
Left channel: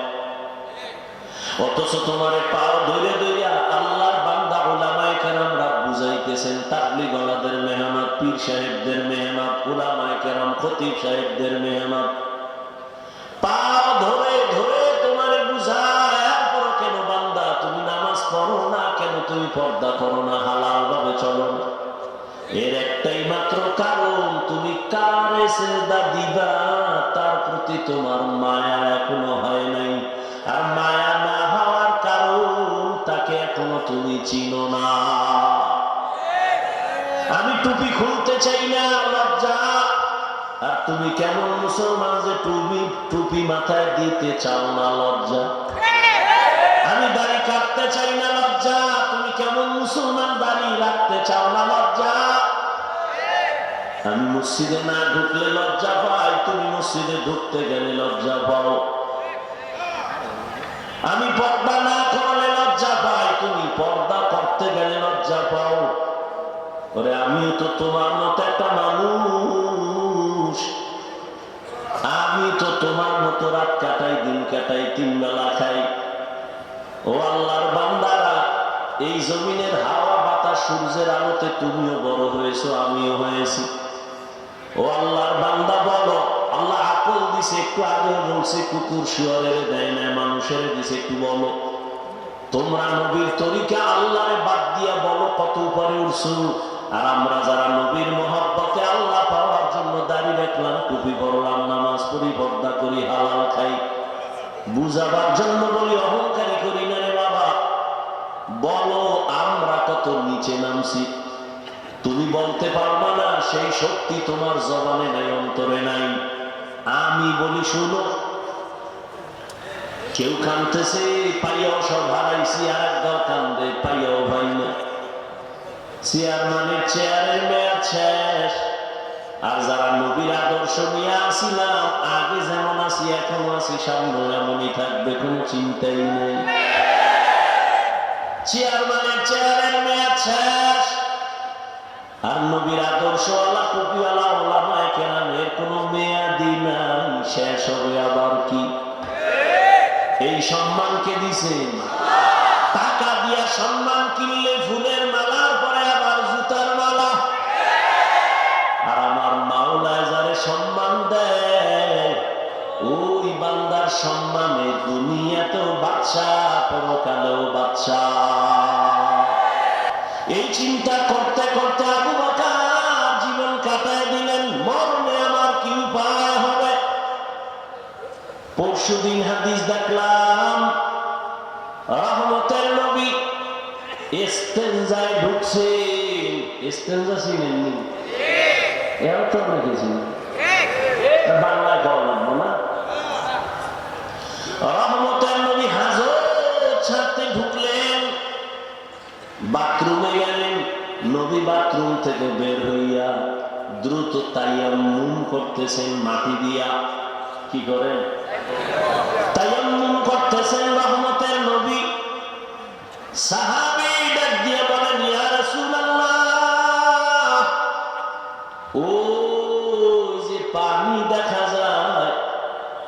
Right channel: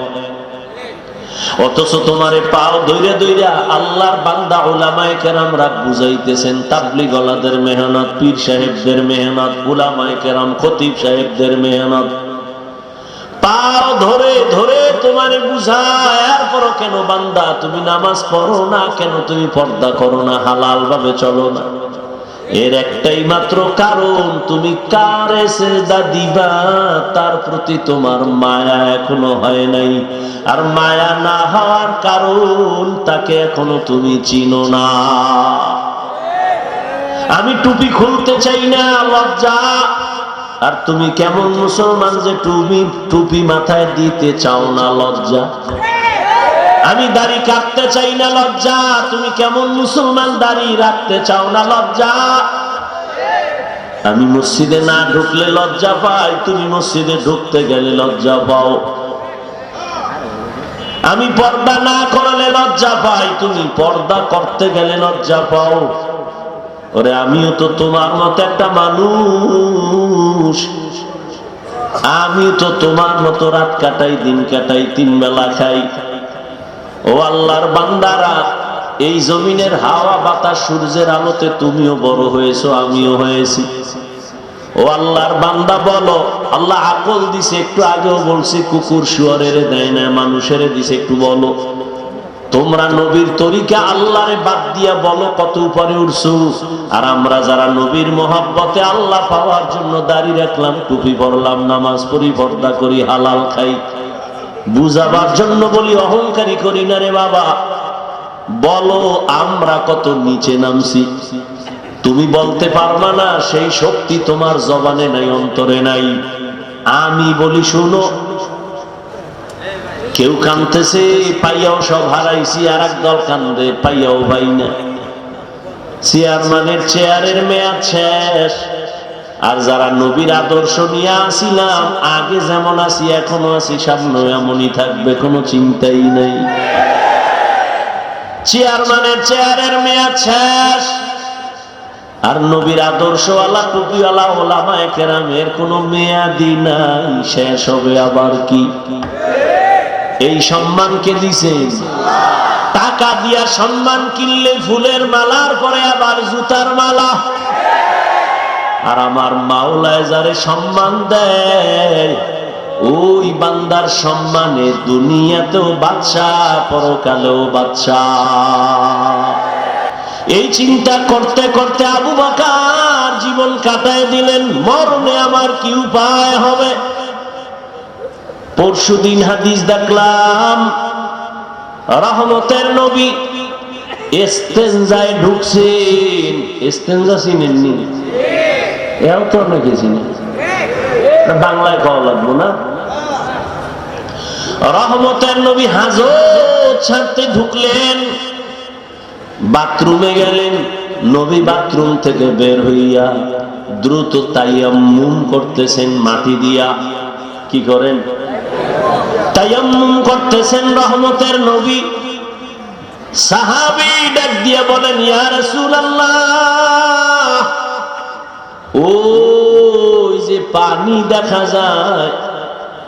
অথচ তোমারে পাও ধইরা ধইরা আল্লাহর বান্দা উলামায়ে কেরামরা বুঝাইতেছেন, তাবলীগওয়ালাদের মেহনত, পীর সাহেবদের মেহনত, উলামায়ে কেরাম, খতিব সাহেবদের মেহনত, পাও ধরে ধরে তোমারে বুঝায়। এরপরও কেন বান্দা তুমি নামাজ পড়ো না? কেন তুমি পর্দা করো না? হালাল ভাবে চলো না? এর একটাই মাত্র কারণ, তুমি কারে সিজদা দিবা তার প্রতি তোমার মায়া এখনো হয় নাই। আর মায়া না হওয়ার কারণ, তাকে এখনো তুমি চিনো না। আমি টুপি খুলতে চাই না, লজ্জা। আর তুমি কেমন মুসলমান যে টুপি মাথায় দিতে চাও না, লজ্জা। আমি দাড়ি কাটতে চাই না, লজ্জা। তুমি কেমন মুসলমান, দাড়ি রাখতে চাও না, লজ্জা। আমি মসজিদে না ঢুকলে লজ্জা পাই, তুমি মসজিদে ঢুকতে গেলে লজ্জা পাও। আমি পর্দা না করলে লজ্জা পাই, তুমি পর্দা করতে গেলে লজ্জা পাও। ওরে আমিও তো তোমার মতো একটা মানুষ, আমি তো তোমার মতো রাত কাটাই, দিন কাটাই, 3 বেলা খাই। ও আল্লাহর বান্দারা, এই জমিনের হাওয়া বাতাস সূর্যের আলোতে তুমিও বড় হয়েছো, আমিও হয়েছি। ও আল্লাহর বান্দা বলো, আল্লাহ আকল দিছে, একটু আগেও বলছি কুকুর শুয়ারের দেয় না, মানুষের দিছে, একটু বলো তোমরা নবীর তরিকা আল্লাহরে বাদ দিয়া বলো কত উপরে উঠছো। আর আমরা যারা নবীর মহব্বতে আল্লাহ পাওয়ার জন্য দাড়ি রাখলাম, টুপি পরলাম, নামাজ পড়ি, পর্দা করি, হালাল খাই, বুঝাবার জন্য বলি, অহংকারী করি না রে বাবা। বলো আমরা কত নিচে নামছি। তুমি বলতে পারবা না, সেই শক্তি তোমার জবানে নাই, অন্তরে নাই। আমি বলি শুনো, কেউ কাঁদতেছে, পাইয়াও সব হারাইছি, আর একদল কান্দে, পাইয়াও পাই না। চেয়ারম্যানের চেয়ারের মেয়াদ শেষ। আর যারা নবীর আদর্শ নিয়ে আসিলাম, আগে যেমন আছি এখনো আছি, সামনে এমনই থাকবে, কোনো চিন্তাই নাই। চেয়ারম্যানের চেয়ারের মেয়াদ শেষ, আর নবীর আদর্শওয়ালা টুপিওয়ালা ওলামায়ে কেরামের কোনো মেয়াদি নাই, শেষ হবে আবার কি। এই সম্মানকে দিছেন, টাকা দিয়া সম্মান কিনলে ফুলের মালার পরে আবার জুতার মালা। আর আমার মাওলায় যারে সম্মান দেয়, ওই বান্দার সম্মানে দুনিয়াতেও বাদশা, পরকালেও বাদশা। এই চিন্তা করতে করতে আবু বকর জীবন কাটায় দিলেন, মরণে আমার কি উপায় হবে। পরশুদিন হাদিস দেখলাম, রহমতের নবী ইস্তেনজায় ঢুকছেন। ইস্তেনজা চিনেননি? এও তো অনেকে চিনেন, বাংলায় খাওয়া লাগবো না। রহমতের নবী হাজত ছাড়তে ঢুকলেন, বাথরুমে গেলেন। নবী বাথরুম থেকে বের হইয়া দ্রুত তায়াম্মুম করতেছেন, মাটি দিয়া। কি করেন? তায়াম্মুম করতেছেন রহমতের নবী। সাহাবী ডাক দিয়ে বলেন, ইয়া রাসূলুল্লাহ, ওই যে পানি দেখা যায়,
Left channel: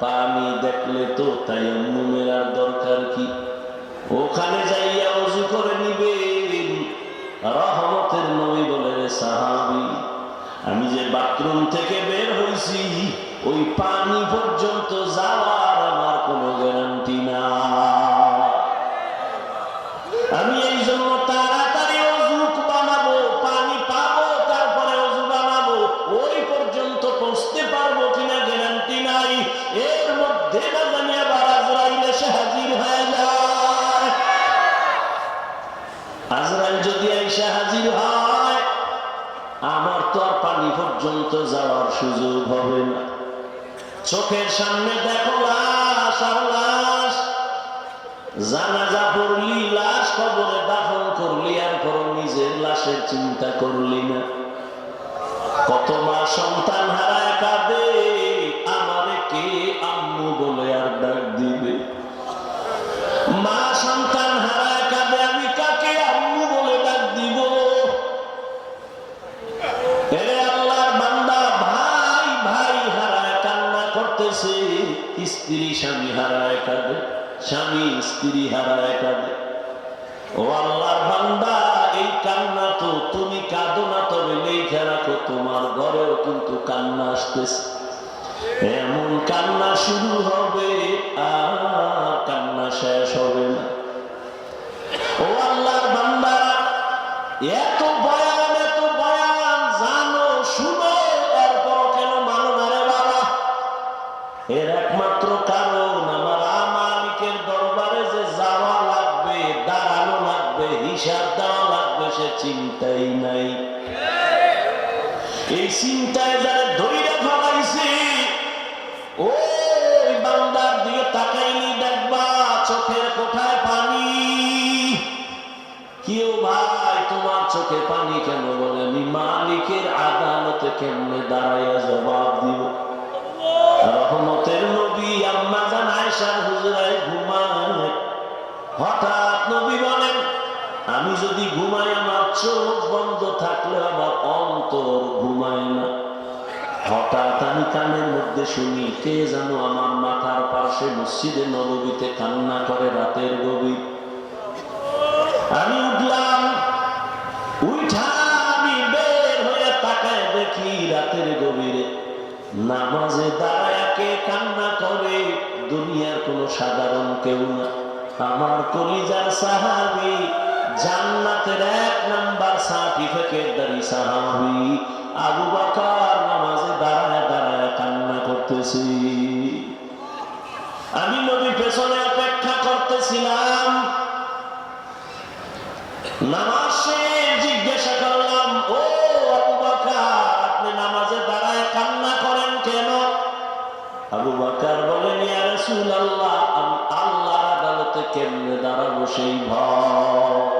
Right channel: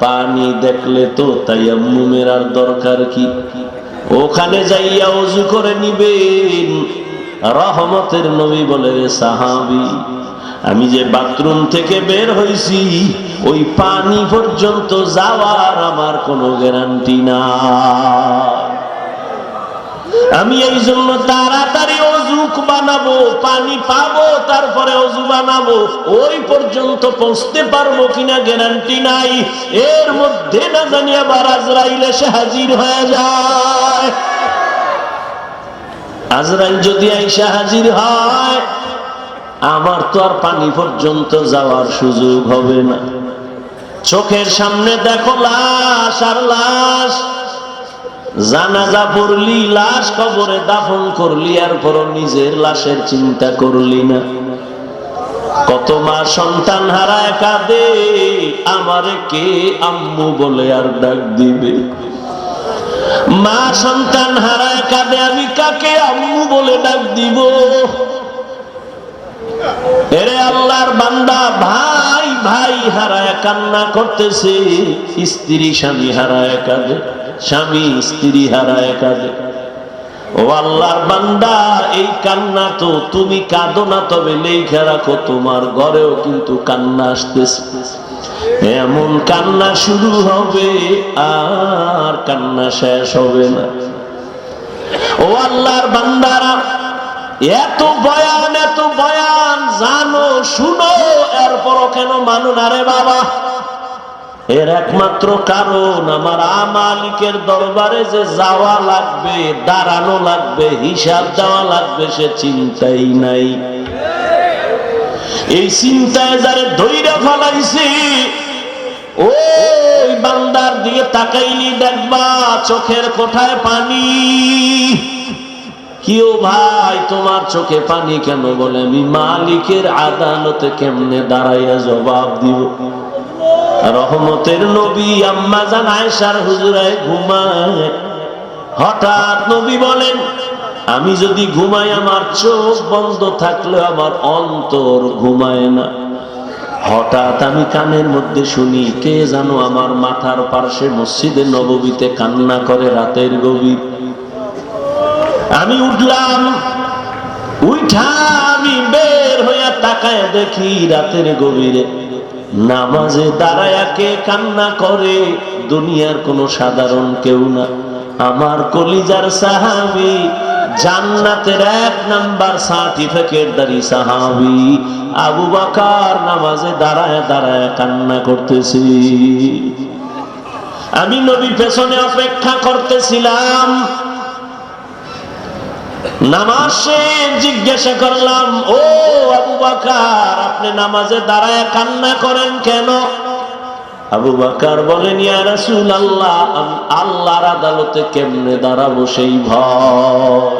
পানি দেখলে তো তায়াম্মুমের আর দরকার কি, ওখানে যাইয়া ওযু করে নিবেন। রহমতের নবী বলে, রে সাহাবী, আমি যে বাথরুম থেকে বের হইছি, ওই পানি পর্যন্ত যাওয়ার আমার কোনো গ্যারান্টি না। আমি এই জন্য তাড়াতাড়ি অজু বানাবো, পানি পাবো, তারপরে অজু বানাবো। ওই পর্যন্ত পৌঁছতে পারবো কিনা গ্যারান্টি নাই। এর মধ্যে না জানি আবার আজরাইল এসে হাজির হয়ে যায়। আজরাইল যদি আইসা হাজির হয়, আমার তো আর পানি পর্যন্ত যাওয়ার সুযোগ হবে না। চোখের সামনে দেখো লাশ আর লাশ। জানাজা পড়লি, লাশ কবরে দাফন করলি, আর পর নিজের লাশের চিন্তা করলি না। কত মা সন্তান হারায় কাঁদে, আমারে কে আম্মু বলে আর ডাক দিবে। মা সন্তান হারায় কাঁদে, আমি কাকে আম্মু বলে ডাক দিব। এরে আল্লাহর বান্দা, ভাই ভাই হারায় কান্না করতেছে, স্ত্রী স্বামী হারায় কাঁদে, স্বামী স্ত্রী হারায় কাঁদে। ও আল্লাহর বান্দা, এই কান্না তো তুমি কাঁদো না, তবে লেখা রাখো তোমার ঘরেও কিন্তু কান্না আসতেছে। এমন কান্না শুরু হবে, আর কান্না শেষ হবে না। ও আল্লাহর বান্দারা, এত বয়ান, এত বয়ান জানো, শুনো, এরপরও কেন মানো না রে বাবা? এর একমাত্র কারণ, আমার মালিকের দরবারে যে যাওয়া লাগবে, দাঁড়ানো লাগবে, হিসাব দেওয়া লাগবে, সে চিন্তাই নাই। এই চিন্তায় যারে ধইরা ফেলাইছি, ওই বান্দার দিকে তাকাইনি দেখবা চোখের কোঠায় পানি। কিও ভাই তোমার চোখে পানি কেন? বলে আমি মালিকের আদালতে কেমনে দাঁড়াইয়া জবাব দিব। রহমতের নবী আম্মা জান আয়েশার হুজরায় ঘুমায়। হঠাৎ নবী বলেন, আমি যদি ঘুমাই আমার চোখ বন্ধ থাকলে আমার অন্তর ঘুমায় না। হঠাৎ আমি কানের মধ্যে শুনি কে জানো আমার মাথার পার্শ্বে মসজিদে নববীতে কান্না করে রাতের গভীর। আমি উঠলাম, উঠা আমি বের হইয়া তাকায় দেখি রাতের গভীরে নামাজে দাঁড়ায়া কে কান্না করে। দুনিয়ার কোন সাধারণ কেউ না, আমার কলিজার সাহাবী, জান্নাতের 1 নাম্বার সার্টিফিকেটধারী সাহাবী আবু বকর নামাজে দাঁড়ায় দাঁড়ায় কান্না করতেছি। আমি নবী পেছনে অপেক্ষা করতেছিলাম। নামাজ শেষ, জিজ্ঞাসা করলাম, ও আবু বকর আপনি নামাজে দাঁড়ায় কান্না করেন কেন? আবু বকর বলেন, ইয়া রাসূলুল্লাহ আমি আল্লাহর আদালতে কেমনে দাঁড়াবো সেই ভয়।